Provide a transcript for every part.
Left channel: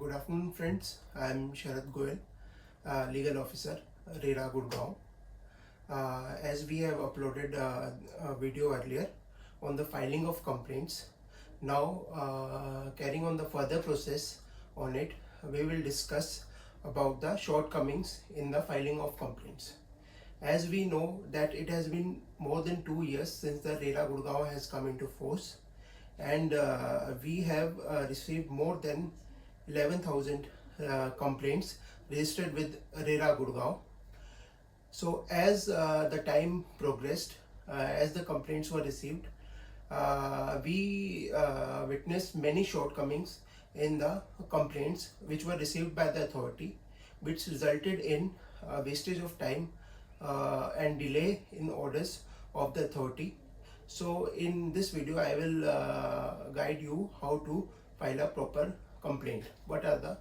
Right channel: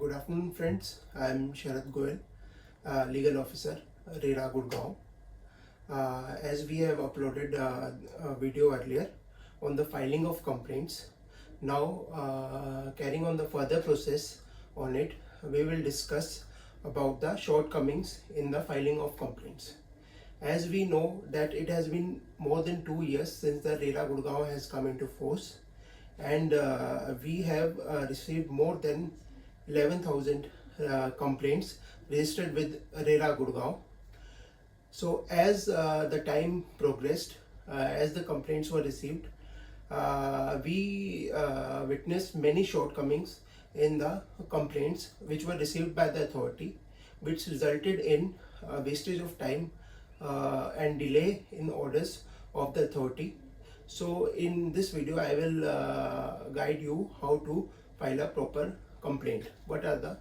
Good afternoon, friends. I am Sharad Goel, legal officer, RERA Gurgaon. As we have uploaded a video earlier on the filing of complaints, now carrying on the further process on it, we will discuss about the shortcomings in the filing of complaints. As we know that it has been more than 2 years since the RERA Gurgaon has come into force, and we have received more than 11,000 complaints registered with RERA Gurgaon. So as the time progressed, as the complaints were received, we witnessed many shortcomings in the complaints which were received by the authority, which resulted in wastage of time and delay in orders of the authority. So in this video I will guide you how to file a proper complaint. What are the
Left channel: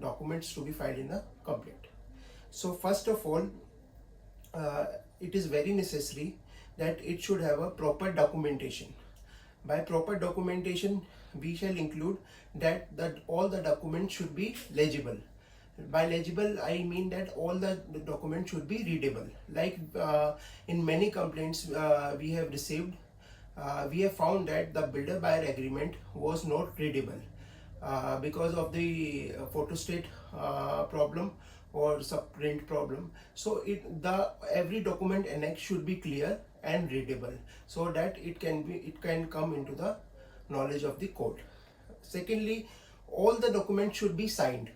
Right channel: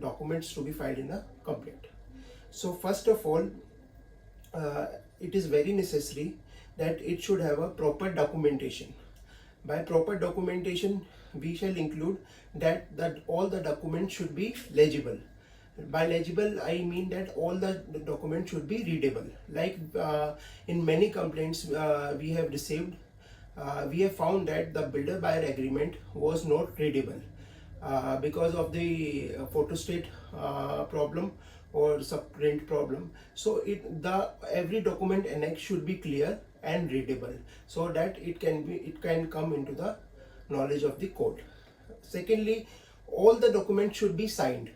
documents to be filed in the complaint? So first of all, it is very necessary that it should have a proper documentation. By proper documentation, we shall include that all the documents should be legible. By legible, I mean that all the documents should be readable. Like in many complaints we have received, we have found that the builder-buyer agreement was not readable because of the photostat problem or subprint problem. So every document annex should be clear and readable, so that it can come into the knowledge of the court. Secondly, all the documents should be signed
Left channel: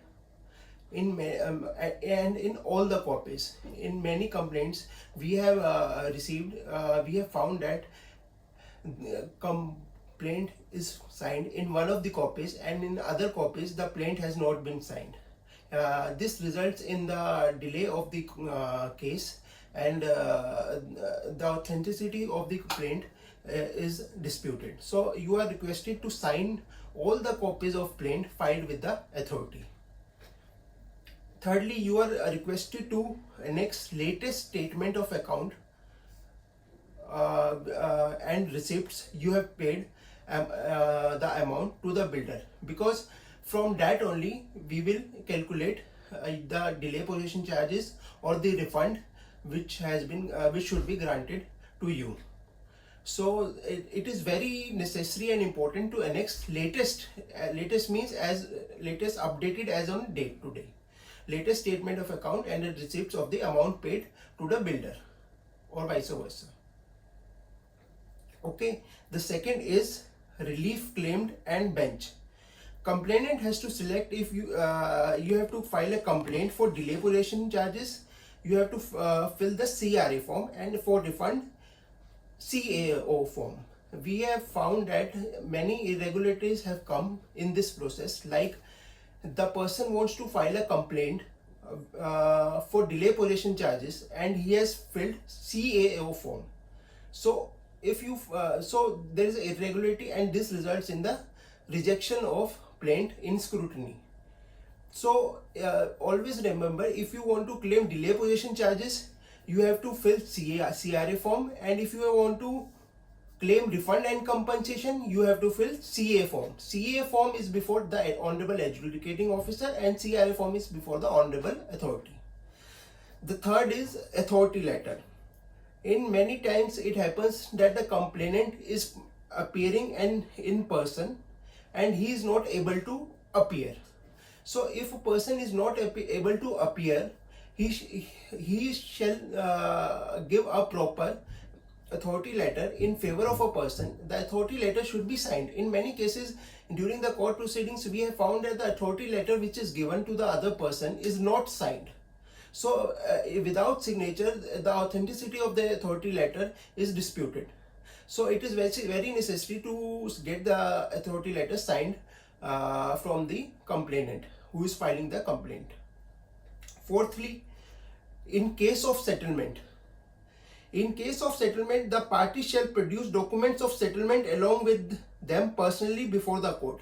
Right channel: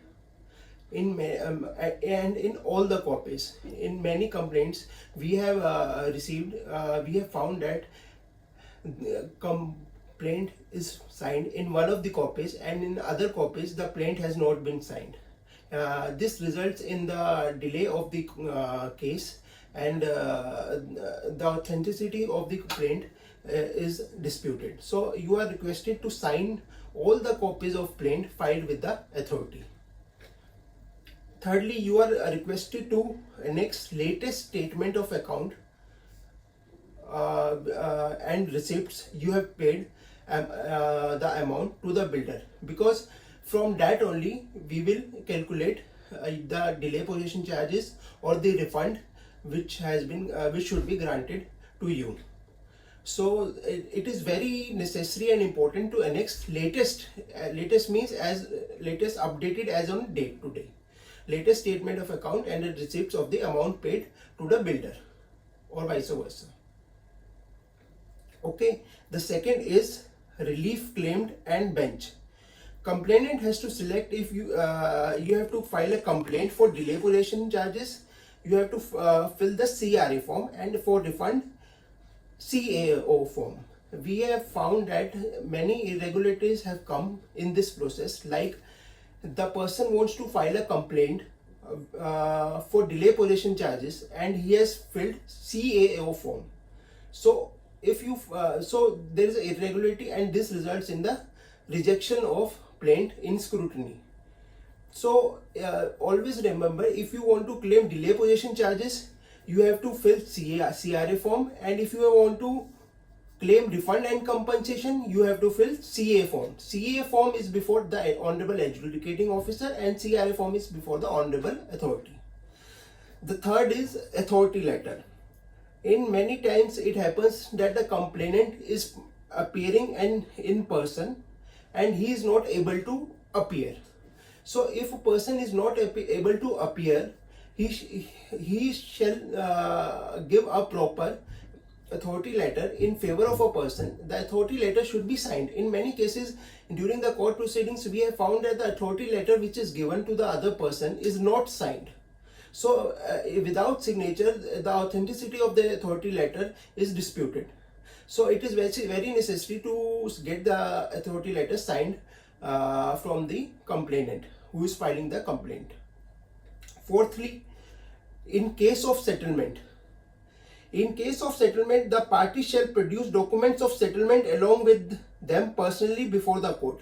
and in all the copies. In many complaints we have received, we have found that complaint is signed in one of the copies, and in other copies the plaint has not been signed. This results in the delay of the case, and the authenticity of the complaint is disputed. So you are requested to sign all the copies of plaint filed with the authority. Thirdly, you are requested to annex latest statement of account and receipts you have paid the amount to the builder, because from that only we will calculate the delay possession charges or the refund which should be granted to you. So it is very necessary and important to annex latest means as latest updated as on date to day, latest statement of account and the receipts of the amount paid to the builder, or vice versa. Okay, the second is relief claimed and bench. Complainant has to select if you have to file a complaint for delay possession charges. You have to fill the CRA form, and for refund CAO form. We have found that many irregularities have come in this process, like the person wants to file a complaint for delay possession charges and he has filled CAO form. So if you so there is an irregularity, and this results in the rejection of plaint in scrutiny. So always remember, if you want to claim delay possession charges, you have to fill CRA form, and if you want to claim refund and compensation, you have to fill CA form. CA form is before the Honorable Adjudicating Officer, and CRA form is before the Honorable Authority. The third is authority letter. In many times it happens that the complainant is appearing and in person, and he is not able to appear. So if a person is not able to appear, he shall give a proper authority letter in favor of a person. The authority letter should be signed. In many cases during the court proceedings, we have found that the authority letter which is given to the other person is not signed. So without signature, the authenticity of the authority letter is disputed. So it is very necessary to get the authority letter signed from the complainant who is filing the complaint. Fourthly, in case of settlement, the party shall produce documents of settlement along with them personally before the court.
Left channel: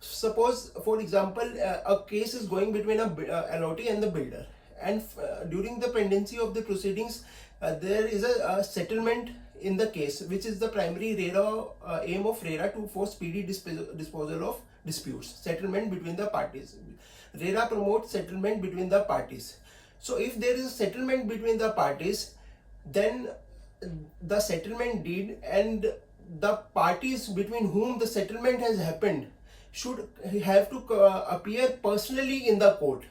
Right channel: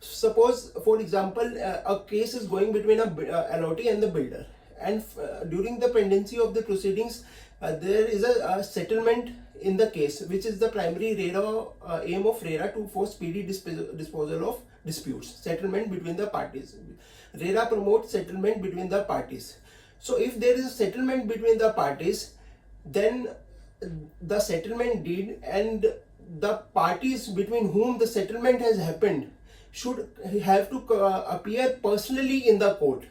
Suppose, for example, a case is going between a allotee and the builder, and during the pendency of the proceedings, there is a settlement in the case, which is the primary aim of RERA to force speedy disposal of disputes, settlement between the parties. RERA promotes settlement between the parties. So if there is a settlement between the parties, then the settlement deed and the parties between whom the settlement has happened should have to appear personally in the court.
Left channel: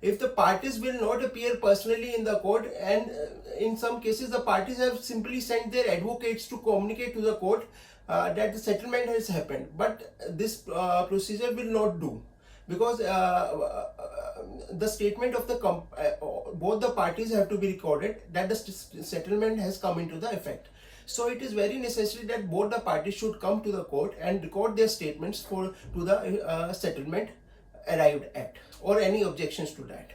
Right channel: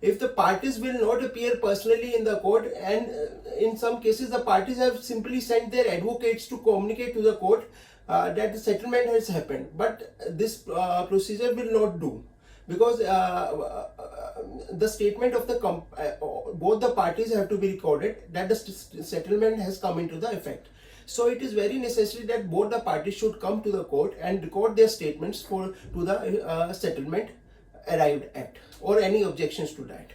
If the parties will not appear personally in the court, and in some cases the parties have simply sent their advocates to communicate to the court that the settlement has happened, but this procedure will not do, because the statement of the both the parties have to be recorded that the settlement has come into the effect. So it is very necessary that both the parties should come to the court and record their statements to the settlement arrived at, or any objections to that.